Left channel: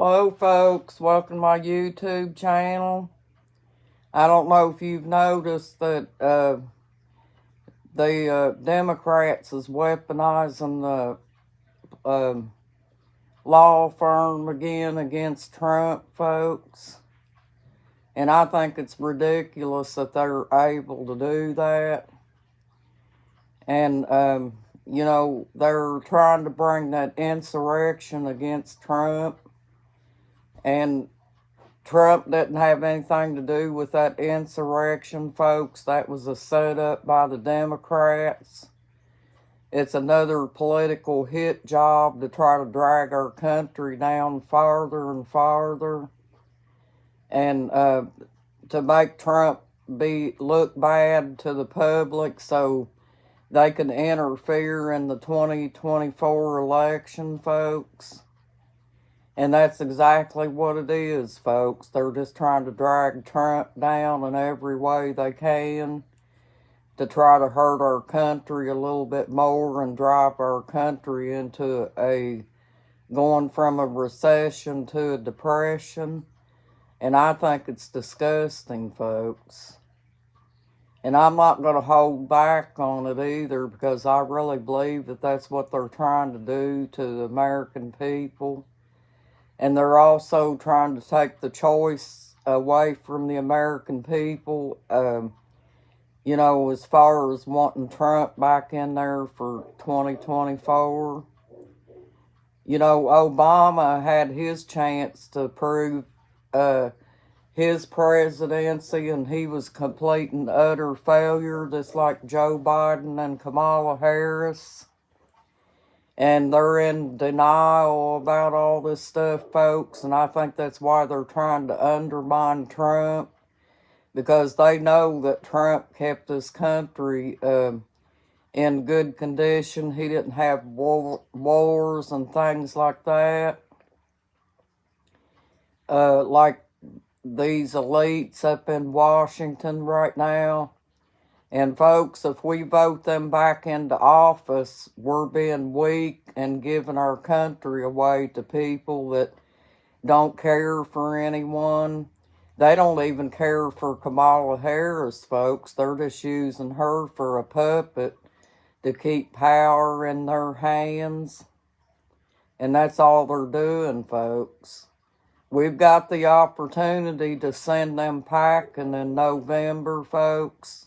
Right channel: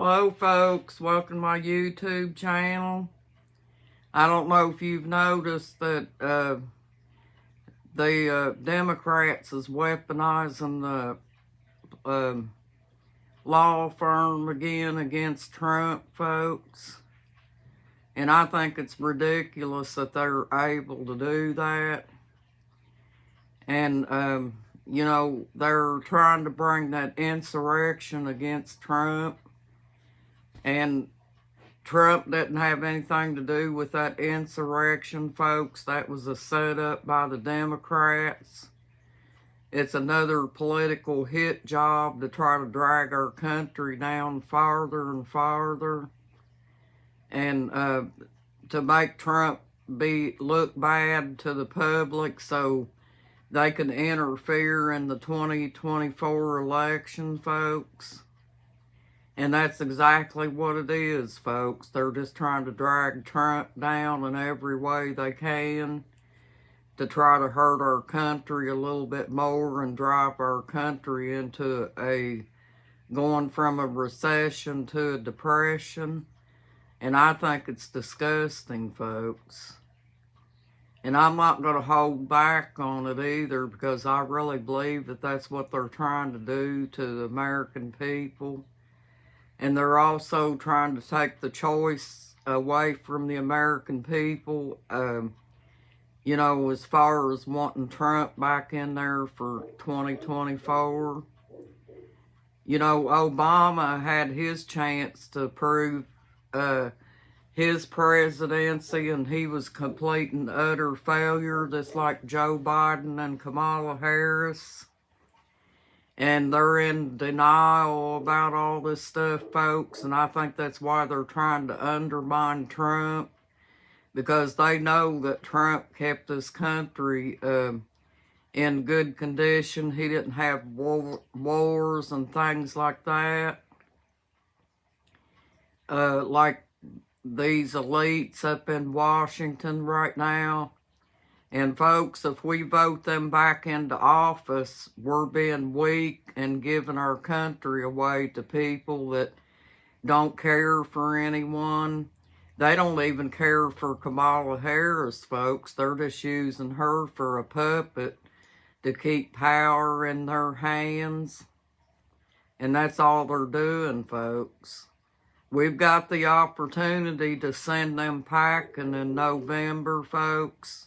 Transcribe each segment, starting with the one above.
Hello folks, welcome to my YouTube channel. I don't know if you've noticed that the Democrats is weaponizing the law firm again against Trump, folks. And I think it's ridiculous that they're able to do that. And, they're trying to bring that insurrection against Trump. And Trump didn't have anything to do with that insurrection, folks. That was a setup by the Democrats. It's another political hit job to try to drag our country down farther and farther. And to make Trump look bad to the public so they can interfere in the 2024 election, folks. And that's exactly what it is, folks. They're just trying to drag Trump down in every way they can to try to hurt our country a little bit more and drive our country into going from a recession to a depression. And I think it's disgusting, folks. And I'm not going to hold back on it either, because I really believe that that's what they're trying to do to the American people. And they're also trying to take the choice away from the American people, as far as wanting Trump back in there for 2024. Obama had his chance to prove his presidency, and he was complete and utter failure, just like Joe Biden and Kamala Harris. And they're in denial about all this stuff, folks. And I think that's why they're trying to undermine Trump, because they know that Trump kept this country in good condition. He didn't have wars and things like that. Like these elites up in Washington right now. And folks, if we vote them back into office, we're being weak and giving our country away to people that don't care for anyone. They don't even care for Kamala Harris, folks. They're just using her for a puppet to keep power in their hands. And that's all they're doing, folks. We've got the opportunity to send them packing in November, folks.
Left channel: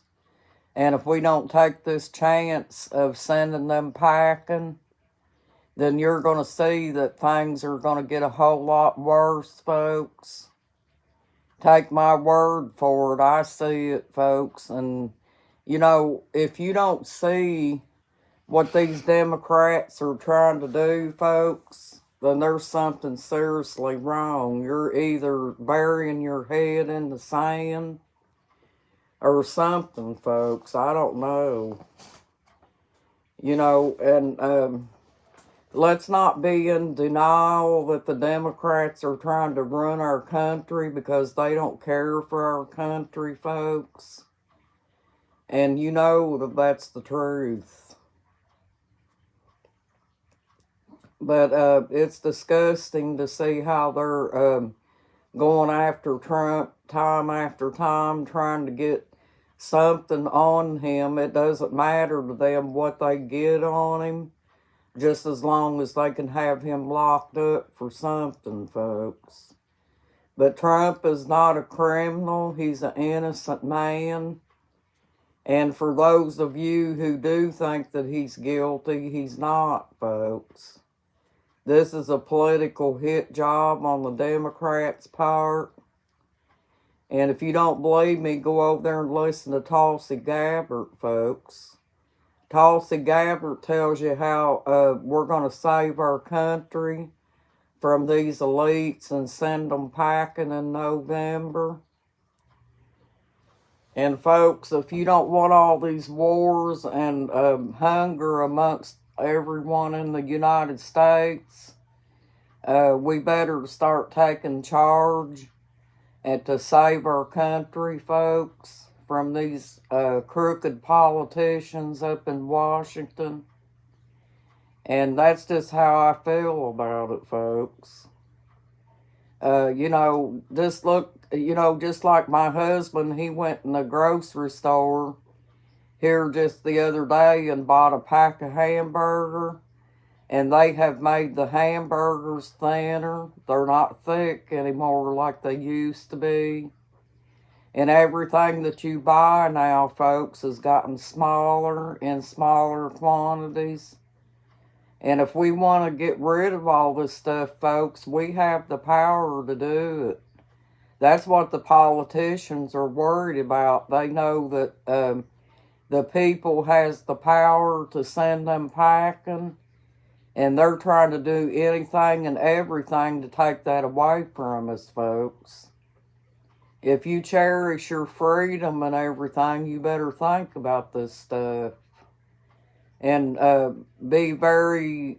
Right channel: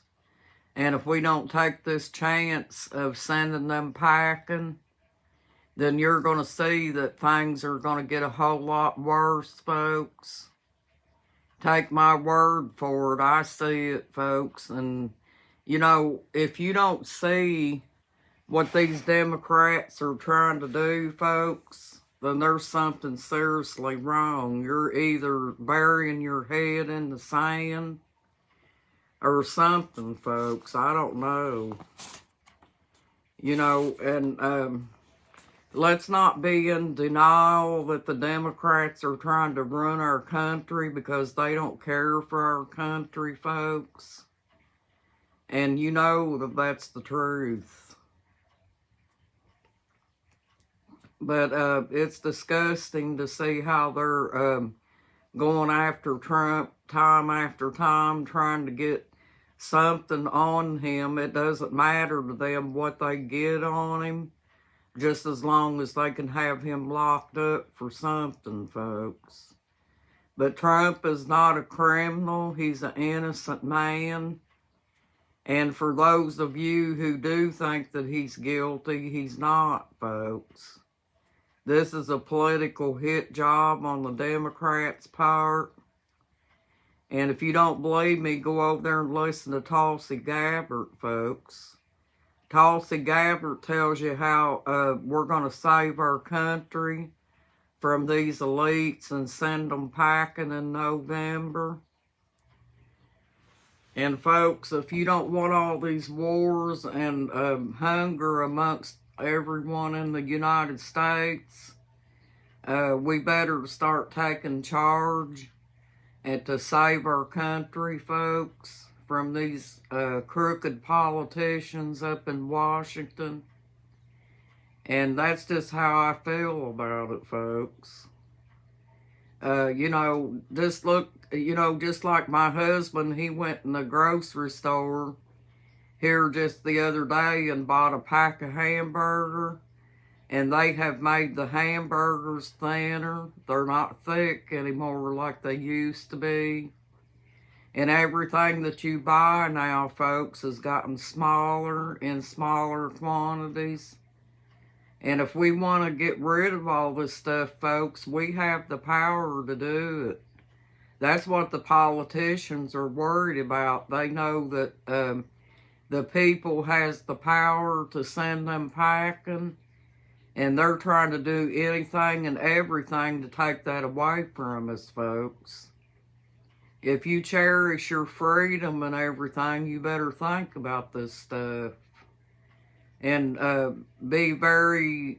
And if we don't take this chance of sending them packing, then you're going to see that things are going to get a whole lot worse, folks. Take my word for it. I see it, folks. And, if you don't see what these Democrats are trying to do, folks, then there's something seriously wrong. You're either burying your head in the sand or something, folks. I don't know. And let's not be in denial that the Democrats are trying to run our country, because they don't care for our country, folks. And you know that that's the truth. But it's disgusting to see how they're going after Trump time after time, trying to get something on him. It doesn't matter to them what they get on him, just as long as they can have him locked up for something, folks. But Trump is not a criminal. He's an innocent man. And for those of you who do think that he's guilty, he's not, folks. This is a political hit job on the Democrats' part. And if you don't believe me, go over there and listen to Tulsi Gabbard, folks. Tulsi Gabbard tells you how we're going to save our country from these elites and send them packing in November. And folks, if you don't want all these wars and hunger amongst everyone in the United States, we better start taking charge and to save our country, folks, from these crooked politicians up in Washington. And that's just how I feel about it, folks. You know, just look, you know, just like my husband, he went in the grocery store here just the other day and bought a pack of hamburger, and they have made the hamburgers thinner. They're not thick anymore like they used to be. And everything that you buy now, folks, has gotten smaller in smaller quantities. And if we want to get rid of all this stuff, folks, we have the power to do it. That's what the politicians are worried about. They know that the people has the power to send them packing, and they're trying to do anything and everything to take that away from us, folks. If you cherish your freedom and everything, you better think about this stuff. And be very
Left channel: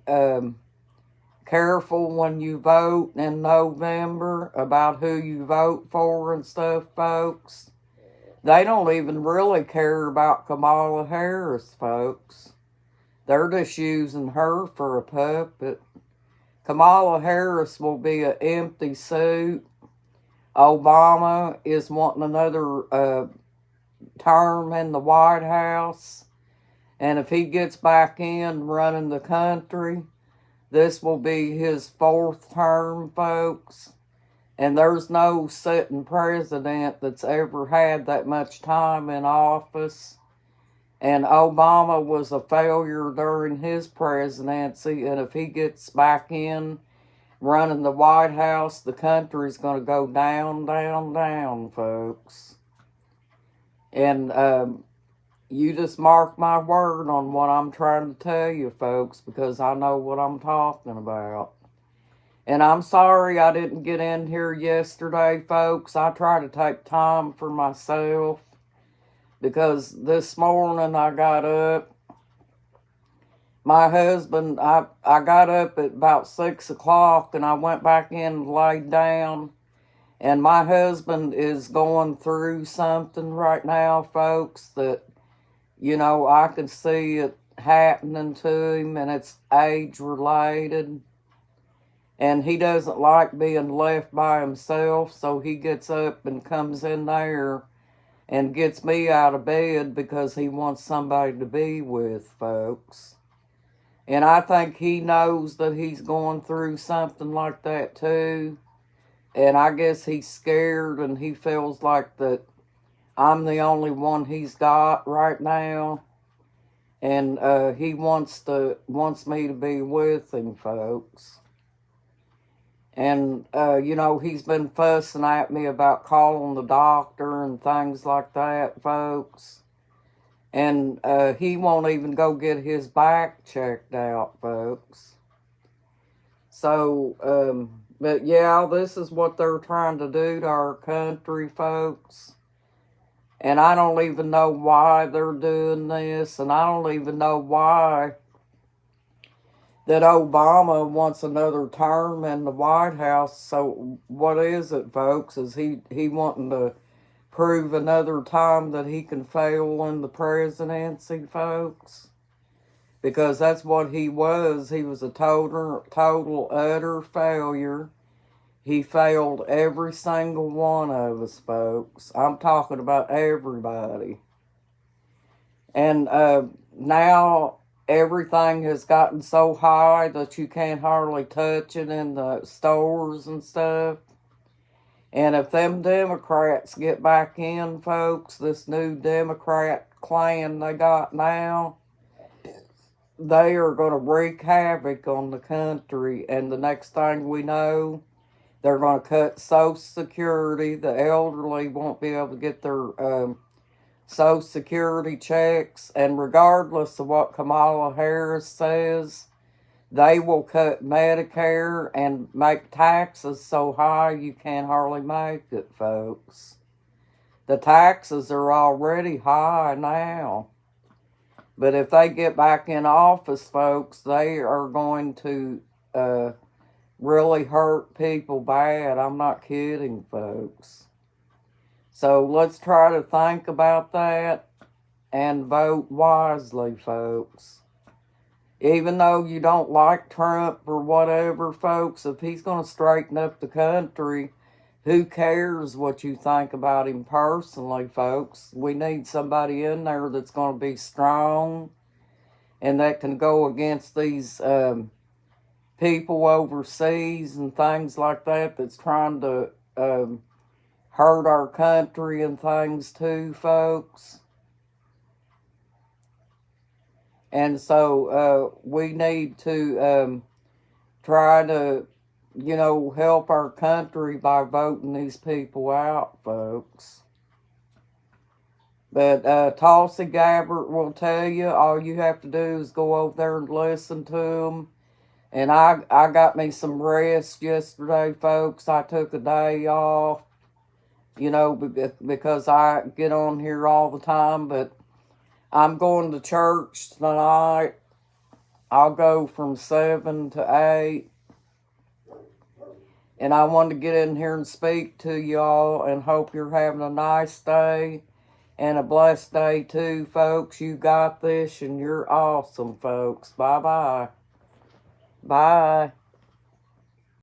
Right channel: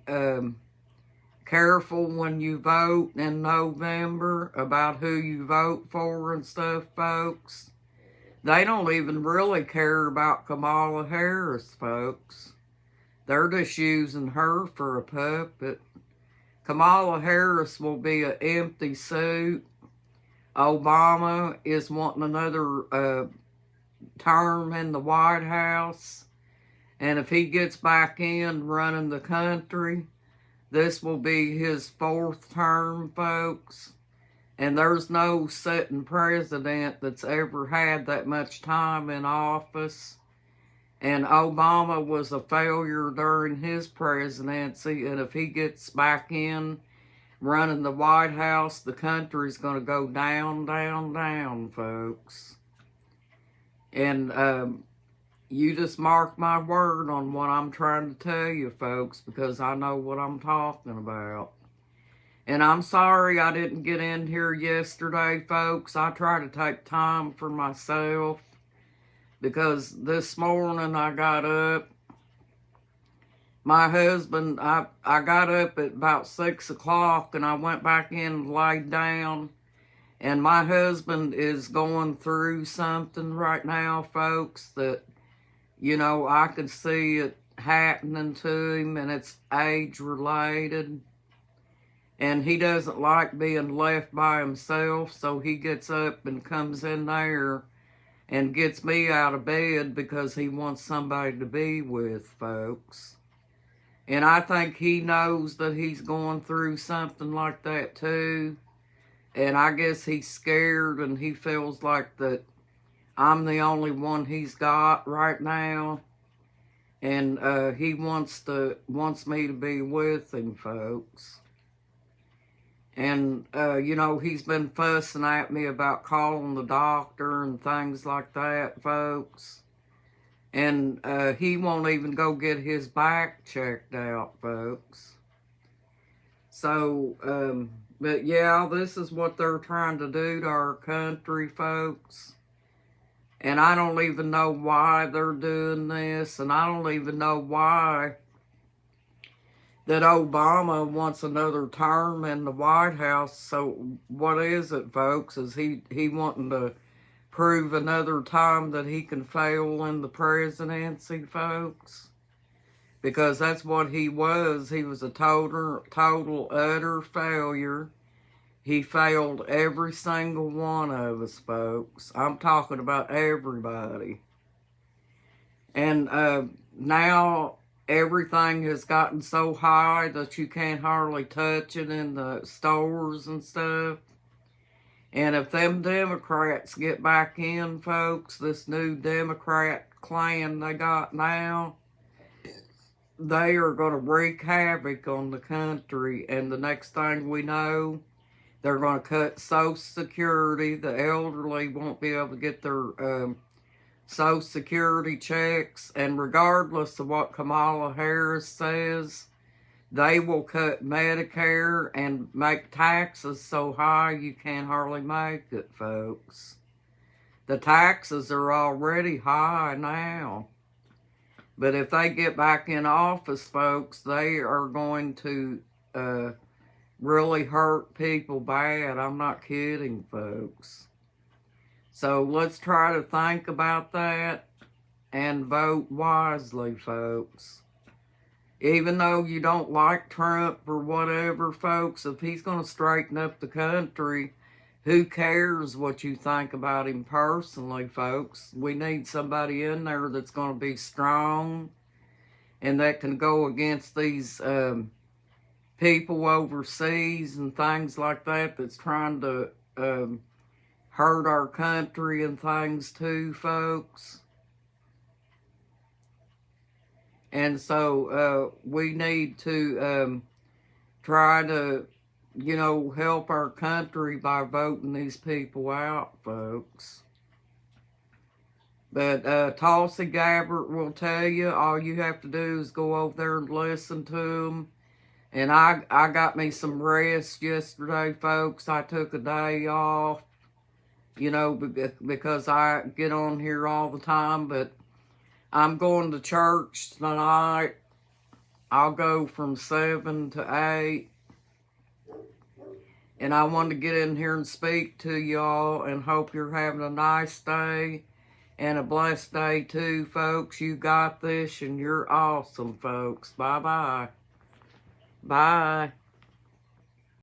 careful when you vote in November about who you vote for and stuff, folks. They don't even really care about Kamala Harris, folks. They're just using her for a puppet. Kamala Harris will be an empty suit. Obama is wanting another term in the White House. And if he gets back in running the country, this will be his 4th term, folks. And there's no sitting president that's ever had that much time in office. And Obama was a failure during his presidency. And if he gets back in running the White House, the country's going to go down, down, down, folks. And you just mark my word on what I'm trying to tell you, folks, because I know what I'm talking about. And I'm sorry I didn't get in here yesterday, folks. I try to take time for myself, because this morning I got up. My husband, I got up at about 6 o'clock, and I went back in and laid down. And my husband is going through something right now, folks, that, you know, I can see it happening to him, and it's age-related. And he doesn't like being left by himself, so he gets up and comes in there and gets me out of bed because he wants somebody to be with, folks. And I think he knows that he's going through something like that too. And I guess he's scared, and he feels like that I'm the only one he's got right now. And he wants me to be with him, folks. And, you know, he's been fussing at me about calling the doctor and things like that, folks. And he won't even go get his back checked out, folks. So, but yeah, this is what they're trying to do to our country, folks. And I don't even know why they're doing this. And I don't even know why that Obama wants another term in the White House. So what is it, folks? Is he wanting to prove another time that he can fail in the presidency, folks? Because that's what he was. He was a total, utter failure. He failed every single one of us, folks. I'm talking about everybody. And now everything has gotten so high that you can't hardly touch it in the stores and stuff. And if them Democrats get back in, folks, this new Democrat clan they got now, they are going to wreak havoc on the country. And the next thing we know, they're going to cut Social Security. The elderly won't be able to get their Social Security checks. And regardless of what Kamala Harris says, they will cut Medicare and make taxes so high you can't hardly make it, folks. The taxes are already high now. But if they get back in office, folks, they are going to really hurt people bad. I'm not kidding, folks. So let's try to think about that and vote wisely, folks. Even though you don't like Trump or whatever, folks, if he's going to straighten up the country, who cares what you think about him personally, folks? We need somebody in there that's going to be strong and that can go against these people overseas and things like that that's trying to hurt our country and things too, folks. And so we need to try to, help our country by voting these people out, folks. But Tulsi Gabbard will tell you, all you have to do is go over there and listen to them. And I got me some rest yesterday, folks. I took a day off, because I get on here all the time. But I'm going to church tonight. I'll go from 7 to 8. And I wanted to get in here and speak to y'all and hope you're having a nice day and a blessed day too, folks. You got this and you're awesome, folks. Bye-bye. Bye.